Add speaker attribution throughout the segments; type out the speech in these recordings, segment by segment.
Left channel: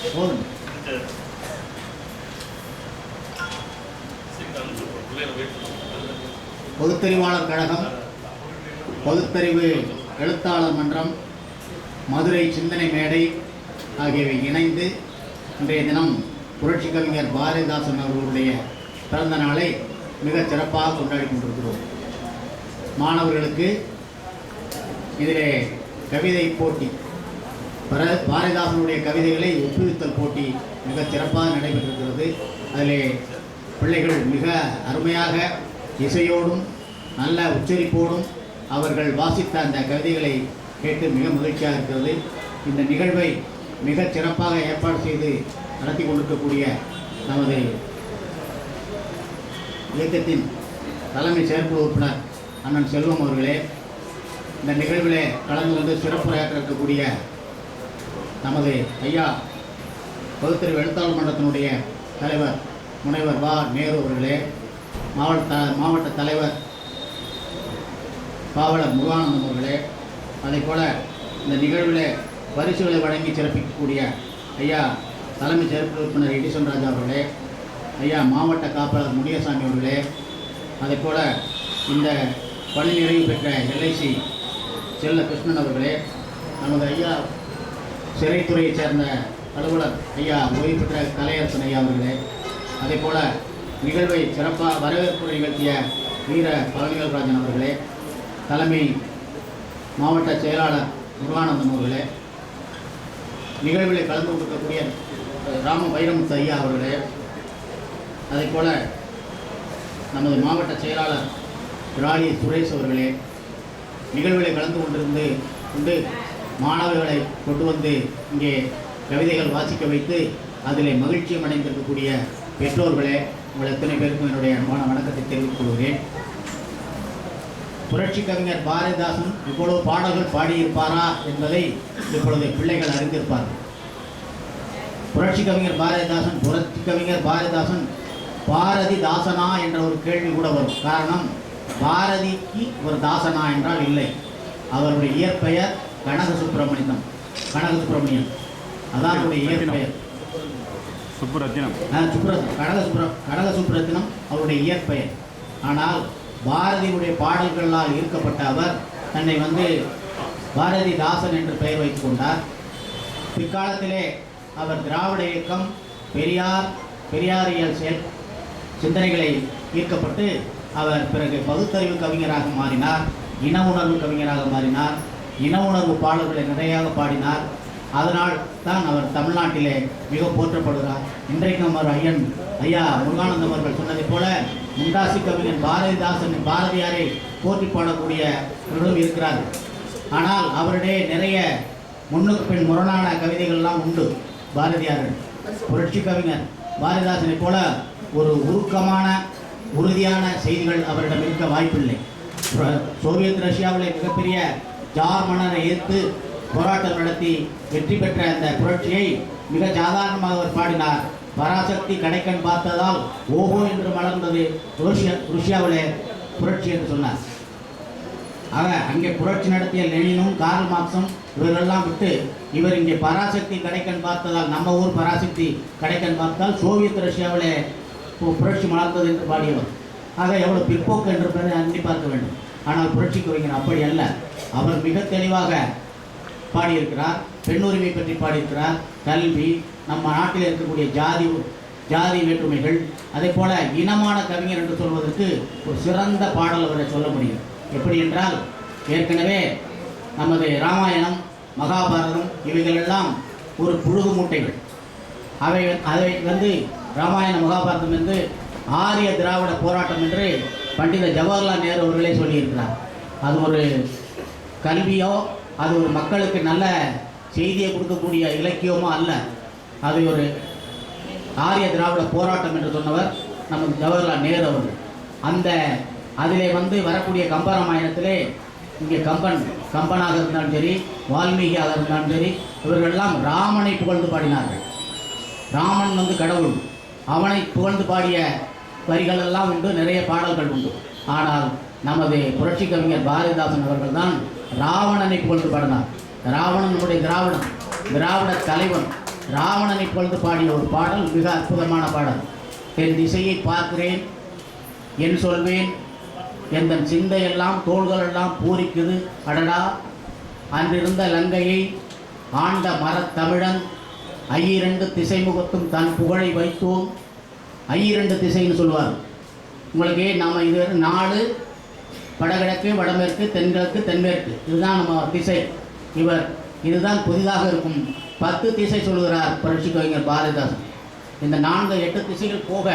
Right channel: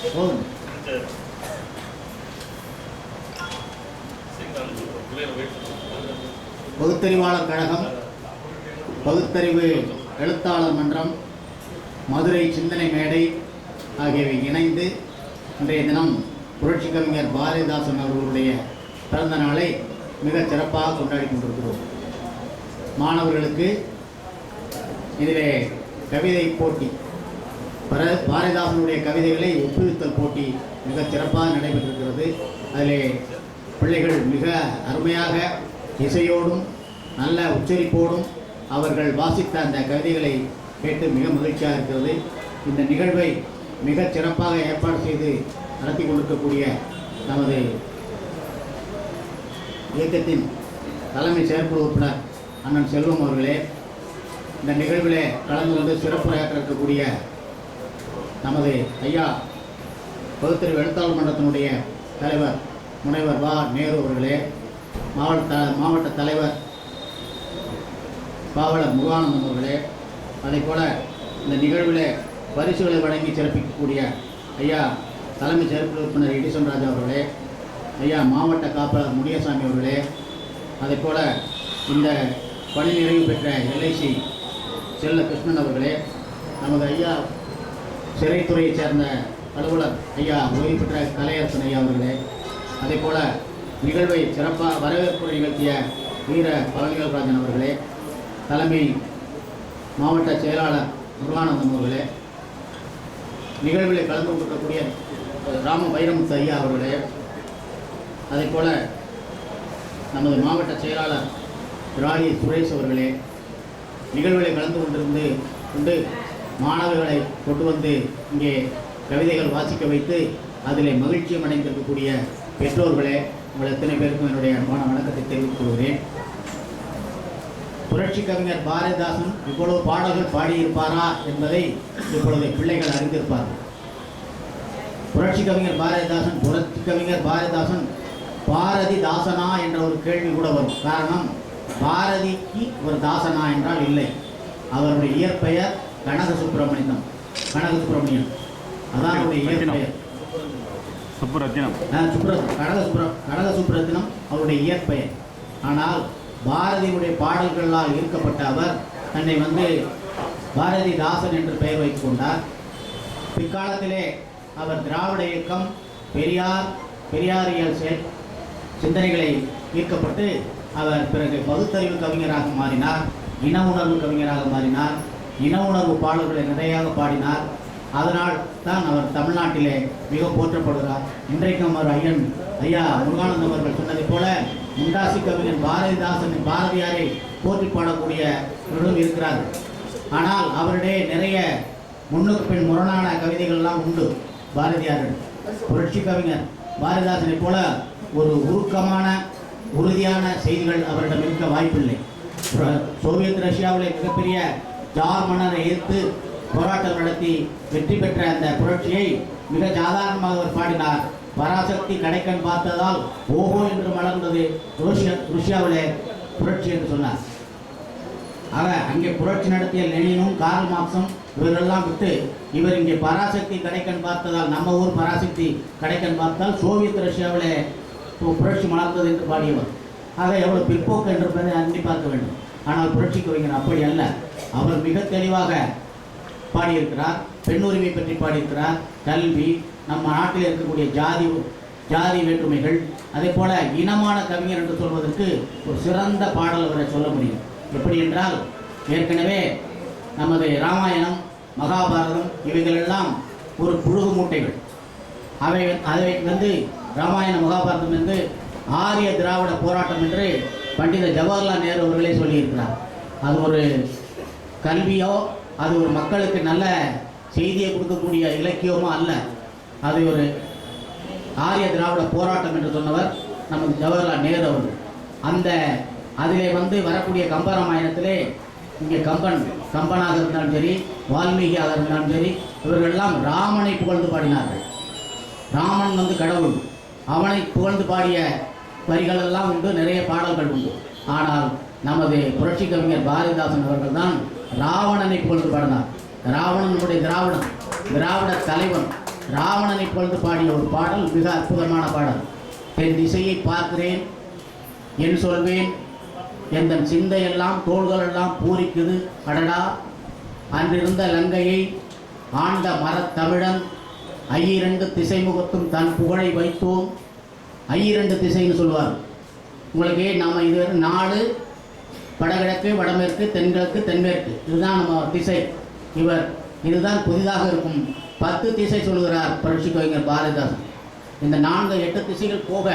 Speaker 1: பகுத்தறிவாளர் பொதுத்தறிவாளர் கழகம் பகுத்தறிவு எழுத்தாளர் மன்றம் மதுரை சிந்தனை மேடை ஆகியவை இணைந்து இன்றைய தினம் புரட்சி கவிஞர் பாரதிதாசன் அவர்களுடைய பிறந்த நாளை மிக சிறப்பாக கொண்டாடி கொண்டிருக்கிறோம் மாணவர்களுக்கு இதிலே கவிதை போட்டி பர பாரதிதாசனுடைய கவிதைகளை ஒப்புவித்தல் போட்டி மிக சிறப்பாக நடைபெற்றிருக்கிறது அதிலே பிள்ளைகள் மிக அருமையாக இசையோடும் நல்ல உச்சரிப்போடும் அவர்கள் வாசித்த அந்த கவிதைகளை கேட்டு மிக மகிழ்ச்சியாக இருக்கிறது இந்த நிகழ்வை மிக சிறப்பாக ஏற்பாடு செய்து நடத்தி கொண்டிருக்கக்கூடிய நமது இயக்கத்தின் தலைமை செயற்குழு உறுப்பினர் அண்ணன் செல்வம் அவர்களே இந்த நிகழ்வில் கலந்து கொண்டு சிறப்புரையாற்ற இருக்கக்கூடிய நமது ஐயா பகுத்தறிவு எழுத்தாளர் மன்றத்தினுடைய தலைவர் முனைவர் வா நேரு அவர்களே மாவட்ட மாவட்ட தலைவர் பாவலர் முருகானந்தம் அவர்களே அதே போல் இந்த நிகழ்வில் பரிசுகளை வழங்கி சிறப்பிக்கக்கூடிய ஐயா தலைமை சிறப்பு உறுப்பினர் எடிசன் ராஜா அவர்களே ஐயா மாவட்ட காப்பாளர் முனியசாமி அவர்களே அதே போல் இந்த பணி நிறைவு பெற்ற எல்ஐசி செல்ல கிருஷ்ணன் அவர்களே நமது ஐயா சிறைத்துறையைச் சேர்ந்த அலுவலர் ஐயா ஓய்வு பெற்ற கலையரசன் ஐயா அவர்களே அதே போல் நிகழ்வை சிறப்பாக வரவேற்பு நிகழ்த்திய வீர பழனிகள்ராஜன் அவர்களே தலைமை மாவட்ட செயலாளர் முருகானந்தம் அவர்களே நிகழ்வில் கலந்து கொண்டிருக்கக்கூடிய ராம வைரமுத்து ஐயா அவர்களே அதே போல் நமது மாவட்ட செயலாளர் ராணி சுரேஷ் அவர்களே நிகழ்வுகளை கலந்து கொண்டிருந்து கொண்டு மாணவர்களை கொண்டு வந்து இங்கே கவிதைகள் வாசிக்க வைத்து அதில் மகிழ்ச்சியம் அடைந்திருக்கக்கூடிய பெற்றோர்களே உங்கள் எத்தனை பேருக்கும் என்னுடைய அன்பான வணக்கத்தை தெரிவித்துக் கொள்கிறேன் புரட்சி கவிஞர் பாரதிதாசன் இவ்வளவு பாடல்கள் பாடியிருப்பாரா என்பதை இப்பொழுது பிள்ளைகள் அறிந்திருப்பார்கள் புரட்சி கவிஞர் பாரதிதாசன் புரட்சி கவிஞர் பாரதிதாசன் பாரதிதாசனா என்ற ஒரு கேள்வி கூட வரும் காரணம் பாரதிக்கு ஒரு தாசனா என்றால் இல்லை அவருடைய இயற்பெயர் கனக சுப்பிரமணியம் கனக சுப்பிரமணியம் அதான் அவருடைய இயற்பெயர் சுப்புரத்தினம் சுப்ர கனக சுப்ர கனக சுப்ரத்தினம் அவருடைய இயற்பெயர் ஆனால் பாரதியுடைய பாடல்களால் ஈர்க்கப்பட்ட அவர் தன்னை வந்து பாரதிதாசன் என்று பெயர் வைத்துக் கொண்டார் பிற்காலத்திலே அவர் திராவிட இயக்கம் பெரியார் பெரியாரியல் செயல் சிந்தனைகளை ஈர்க்கப்பட்டு அவர் பிறகு பகுத்தறிவு கவிஞராக மாறினார் இன உணர்வு கவிஞராக மாறினார் இன உணர்வு பாடல்களை நிறையாக பாடினார் அதனால் தான் அவர் தமிழ்நாட்டிலே மிக போற்றப்படுகிறார் இன்றைக்கு நம்ம ஐயன் ஐயா முருகானந்தம் அவர்கள் சொன்னதைப் போல முண்டாசி கவிஞன் பாரதிதாசன் பாரதியாரை போற்றி பாடக்கூடிய பாடக்கூடியவர்களும் இருக்கிறார் ஆனால் அவருடைய நிறைய முன்னுக்கு பின் முரணான கவிதைகள்லாம் உண்டு பாரதியார் புரட்சி கவிஞர் பாரதிதாசனை போல ஒரு உருக்கமான உறுதியான செய்திகள் அவரிடம் இருக்க வாய்ப்பில்லை சோவியத் ரஷ்யாவில் மிகப்பெரிய ஜார் மன்னரை எதிர்த்து போராட்டம் நடத்தி வெற்றி பெற்ற அந்த புரட்சியை மிக சாதாரணமாக அவர் பாடினார் பராசக்தி கடைக்கண் பார்த்ததால் ஓஹோ என்று மலர்ந்தது ருஷ்யா ருஷ்யாவிலே புரட்சி என்று சொன்னார் ஆக அங்கே புரட்சி நடத்திய லெனினும் கார்ல் மார்க்ஸும் இவரெல்லாம் விட்டு இவர் இங்கே பராசக்தி கடைக்கண் பார்த்ததால் நம்ம ஊர் பராசக்தி கடைக்கண் பார்த்தால் சோவியத் ரஷ்யாவிலே புரட்சி மலர்ந்தது என்று பாடியவர் ஆக எவ்வளோ பிற்போக்கு என்று எண்ணி பார்க்க வேண்டும் ஆனால் புரட்சி கவிஞர் அப்படி அல்ல அவர் மிக தெளிவாக பாடியிருக்கிறார் பெண்ணுரிமை பற்றி பாடியிருக்கிறார் கல்வி நம்ம நாட்டில் இருக்கக்கூடிய ஜாதி ஜாதி வேற்றுமைகள் அதே போல இனமான கவிஞர் என்று சொல்வதற்கு ஒரு சிறந்த பாடல் அவரை சொல்ல முடியும் எப்படி என்றால் ஏற்கனவே நமது ராமாயணம் மகாபாரதம் இவைகளெல்லாம் ஒரு புழுகு மூட்டைகள் அவை அதை வந்து ராமாயண மகாபாரதம் என்று ஆரிய திராவிட போராட்டம் என்று பண்டித ஜவஹர்லால் நேரு அவர்களே சொல்லியிருக்கிறார் அது ஒரு கல்வியோ அது ஒரு மக்களுக்கு நல்ல செய்தியை கொடுக்கக்கூடிய இலக்கியமோ அல்ல அது ஒரு ஆரிய திராவிட போராட்டம் என்று சொன்னவர் நமது ஜவஹர்லால் நேரு அவர்கள் அந்த அதிலே வந்து வரக்கூடிய கம்பராமாயணத்திலே இங்கே கம்பன் கம்பனாக இருந்தாலும் சரி வால்மீகியாக இருந்தாலும் சரி இவர்களெல்லாம் ராமனை புகழ்ந்து பாடினார்கள் ராமன் வந்து கடவுள் அவனை புகழ்ந்து பாடிய வரிகளெல்லாம் உண்டு நிறைய பாடல்கள் உண்டு ஆனால் நமது புரட்சி கவிஞர் பாரதிதாசன் அவர்கள் தான் ராவணனை பொழுது பாடினார் ராவணனுடைய திராவிடம் திராவிட தலைவன் ராவணனை பொழுது பாடிய ஒரு பாடல் மிக அற்புதமான பாடல் என் திசையை பார்க்கிறேன் என் சொல்வேன் எந்த சிந்தையெல்லாம் தோள்களெல்லாம் பூரிக்குது அடடா அன்றிருந்த லங்கையை ஆண்ட மரத்தமிழன் ஐயிரண்டு திசை முகத்தும் தன் புகழை வைத்தோம் ஐயிரண்டு திசைன்னு சொல்லுவார் உங்களுக்கு நாம் இது நாலு வடகிழக்கு வடமேற்கு தென்கிழக்கு தென்மேற்கு இதுதான் நம்ம திசை இவர் இதுதான் புதிதாக இருக்கும் பத்து திசை சொல்கிறார் புரட்சி கவிஞர் பாரதிதாசன் இந்த நான்கு எட்டு திசைகள் போக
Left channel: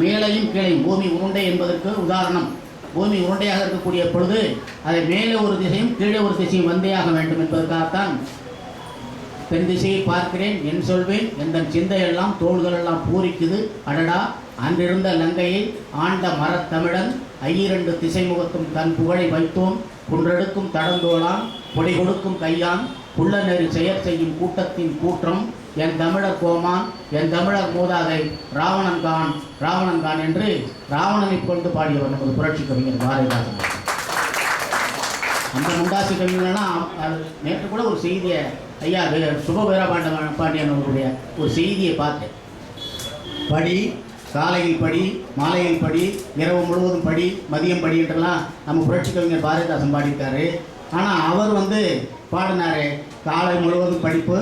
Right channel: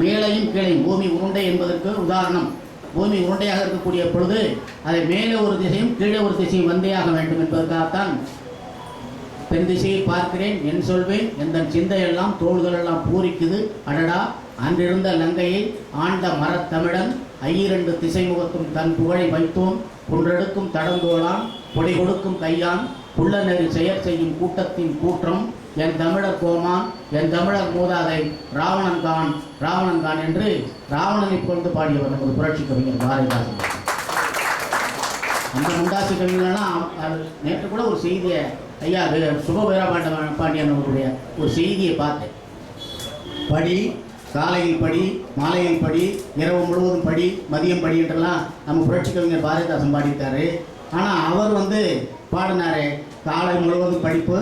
Speaker 1: மேலையும் கீழையும் பூமி உருண்டை என்பதற்கு உதாரணம் பூமி உருண்டையாக இருக்கக்கூடிய பொழுது அதை மேலே ஒரு திசையும் கீழே ஒரு திசையும் வந்தே ஆக வேண்டும் என்பதற்காகத்தான் பெண் திசையை பார்க்கிறேன் என் சொல்வேன் எந்த சிந்தையெல்லாம் தோள்களெல்லாம் பூரிக்குது அடடா அன்றிருந்த லங்கையை ஆண்ட மரத்தமிழன் ஐயிரண்டு திசை முகத்தும் தன் புகழை வைத்தோம் குன்றெடுக்கும் தடந்தோளான் பொடி கொடுக்கும் கையான் புள்ளநெறி செயற் செய்யும் கூட்டத்தின் கூற்றம் என் தமிழர் கோமான் என் தமிழர் மூதாதை ராவணன் கான் ராவணன் கான் என்று ராவணனை கொண்டு பாடியவர் நமது புரட்சி கவிஞர் பாரதிதாசன் அந்த முண்டாசி கவிஞர்லாம் நேற்று கூட ஒரு செய்தியை ஐயா சுபவீர பாண்ட பாண்டியன் அவருடைய ஒரு செய்தியை பார்த்தேன் படி காலையில் படி மாலையில் படி இரவு முழுவதும் படி மதியம் படி என்றெல்லாம் நம்ம புரட்சி கவிஞர் பாரதிதாசன் பாடிட்டார் ஆனால் அவர் வந்து பாடினார் காலை முழுவதும் படிப்பு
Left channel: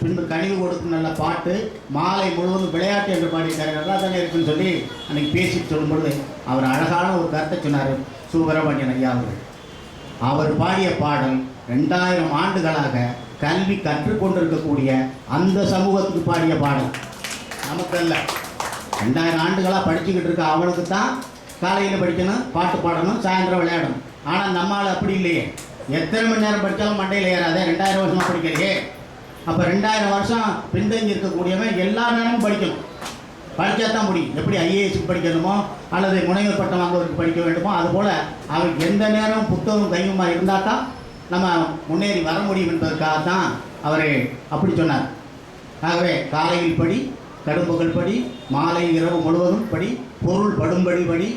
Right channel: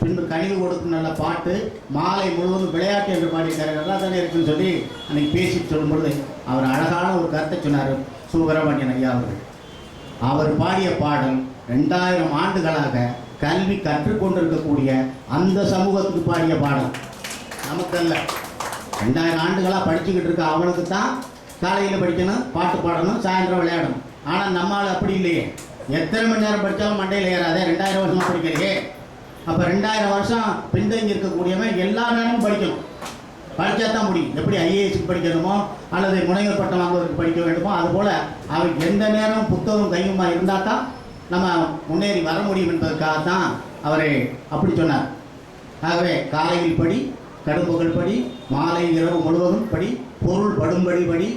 Speaker 1: பின்பு கனிவு கொடுத்து நல்ல பாட்டு மாலை முழுவதும் விளையாட்டு என்று பாடிட்டார் நல்லா தானே இருக்குன்னு சொல்லி அன்றைக்கி பேசிட்டு சொல்லும்பொழுது அவர் அழகான ஒரு கருத்தை சொன்னார் சுப்பிரமணியன் ஐயா அவர்கள் அவர் பாடிய பாடல் ரெண்டாயிரம் ஆண்டுகளாக கல்வி கற்றுக்கொண்டிருக்கக்கூடிய அந்த சமூகத்துக்கு பாடிய பாடம் நமக்கு அல்ல ரெண்டாயிரம் ஆண்டுகளாக படிச்சுக்கிட்டு இருக்க அவளுக்கு தான் காலையில் படிக்கணும் பாட்டு பாடணும் சாயந்தரம் விளையாடணும் ஆனால் நம்மளால் அப்படி இல்லையே எத்தனை மணி நேரம் படித்தாலும் மண்டையில் ஏறாதே ரெண்டாயிரம் வருஷமாக படிக்கலையே அப்போ ரெண்டாயிரம் வருஷம் பின்தங்கி இருக்கக்கூடியவன் எல்லா நேரமும் படிக்கணும் படித்தா தான் முடியும் எப்படி ஐஏஎஸ்க்கு படிக்கணுமோ அல்லது முனைவர் பட்டம் வாங்குவதற்கு படிக்க வேண்டுமோ அதுபோல் அவர் எந்த நேரம் புத்தகம் கையுமா இருந்தால் தான் நம்ம முன்னேறி வர முடியும் என்பதற்காக தான் அவர் அப்படி சொன்னார் ஆகவே காலையில் படி கடும்புகள் படி மாலை இரவு முழுவதும் படி பொருள் படும்படி படி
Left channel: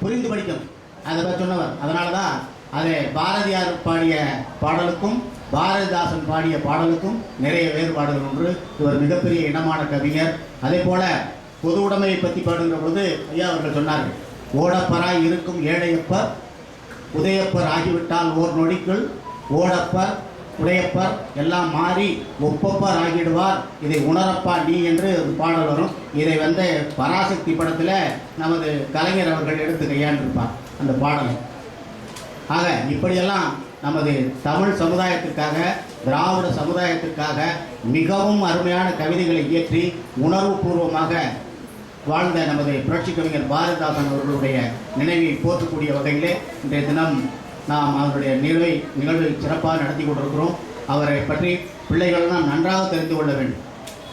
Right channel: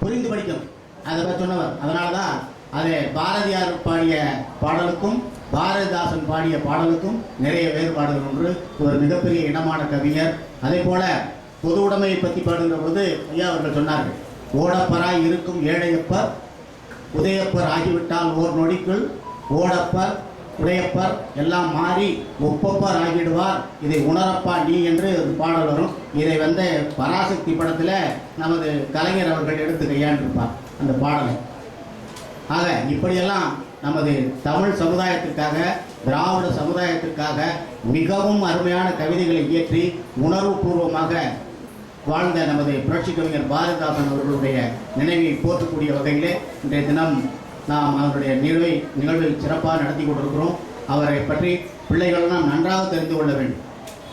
Speaker 1: புரிந்து படிக்கும் அதை பற்றி சொன்னவர் அதனால தான் அது பாரதியார் பாடிய பாடலுக்கும் பாரதிதாசன் பாடிய பாடலுக்கும் நிறைய வேறுபாடுகள் ஒன்று இவர் மிகப்பெரிய இனமான கவிஞர் அதே போல பொது உடைமையை பற்றி பாடுகிற பொழுது ஐயா அவர்கள் சொன்னார்கள் ஓடப்பராய் இருக்கும் ஏழையப்ப உதயப்பர் ஆகிவிட்டால் ஓர் நொடிக்குள் ஓடப்பர் உடையப்பர் எல்லாம் மாறி ஒப்பப்பர் ஆகிடுவார் இதை உணரப்பா நீ என்று பாடல் வரும் இதை வந்து பராசக்தி படத்தில் நமது கலைஞர் அவர்கள் எடுத்து கையாண்டிருப்பார் அந்த பாடலை ஆக இப்படியெல்லாம் நமது தமிழ் சமுதாயத்துக்காக திராவிட சமுதாயத்துக்காக மிகவும் அருமையான கவிதைகளை இயற்றி உணர்வுபூர்வமாக வாழ்ந்த நமது புரட்சி கவிஞர் பாரதிதாசன் அவர்களுடைய நினைவை போற்றக்கூடிய வகையிலே இன்றைய தினம் நாம் அவருடைய நிகழ்வை நிகழ்வில் சிறப்பாக நடத்தி கொண்டிருக்கிறோம் அவரை பற்றி பிள்ளைகள் தான் நன்றாக தெரிந்து கொள்ள வேண்டும்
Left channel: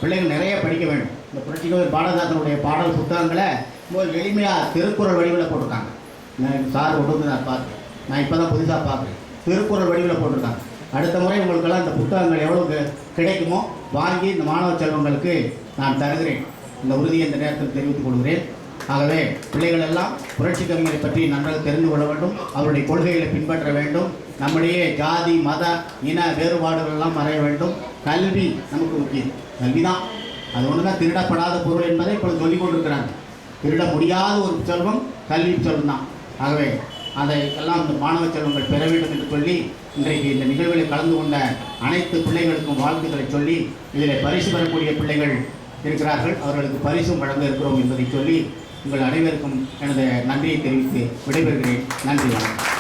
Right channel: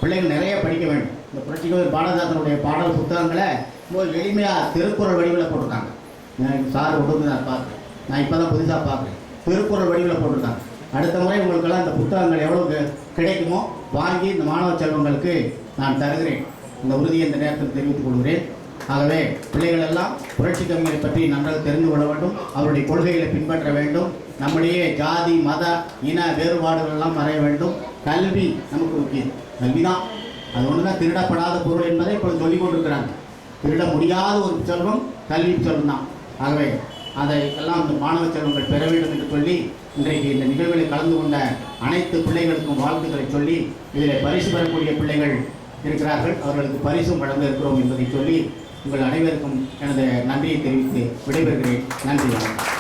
Speaker 1: பிள்ளைகள் நிறைய படிக்க வேண்டும் இந்த புரட்சி கவிஞர் பாரதிதாசனுடைய பாடல் புத்தகங்களை ரொம்ப எளிமையாக திருக்குறள் வடிவில் போட்டிருக்காங்க சார் நான் பார்க்குறேன் நான் இப்போ தான் புதுசாக பார்க்குறேன் திருக்குறள் வடிவில் போட்டிருக்காங்க அடுத்த முறை உங்களுக்கெல்லாம் இந்த புத்தகங்கள் எவ்வளோ கிடைக்குமோ வாங்கி இந்த மாணவ செல்வங்களுக்கு நான் தருகிறேன் இந்த உறுதியை இந்த நேரத்தில் தெரிவித்துக் கொள்கிறேன் ஆகவே பிள்ளைகள் எல்லாம் புரட்சி கவிஞரை பற்றி நன்றாக தெரிந்து கொள்ள வேண்டும் அவருடைய கொள்கைகளை பின்பற்ற வேண்டும் நம்முடைய ஜாதி மத இன வேறுபாடுகள் மறைய வேண்டும் கல்வி நமக்கு முக்கியம் கல்வி தான் அது ஒன்று தான் திருடப்படாத பொருள் என்பதை இப்போ சொல்லிக் கொண்டிருக்கிறாங்க திருட முடியாத ஒரு செல்வம் கல்வி செல்வம் தான் ஆகவே அதை எல்லாம் இந்த மாணவ செல்வங்கள் பெற வேண்டும் என்று சொல்லி இன்றைக்கு இந்த நிகழ்வில் கலந்து கொண்ட அனைத்து பிள்ளைகளுக்கும் வாழ்த்துக்களை சொல்லி இதில் பரிசு பெறக்கூடிய பிள்ளைகள் இருக்கிறார்கள் அவர்களுக்கு பரிசும் வழங்க இருக்கிறோம் என்பதை சொல்லி உங்கள் அனைவருக்கும் எனது நன்றியை தெரிவித்து விடைபெறுகிறேன் நன்றி வணக்கம்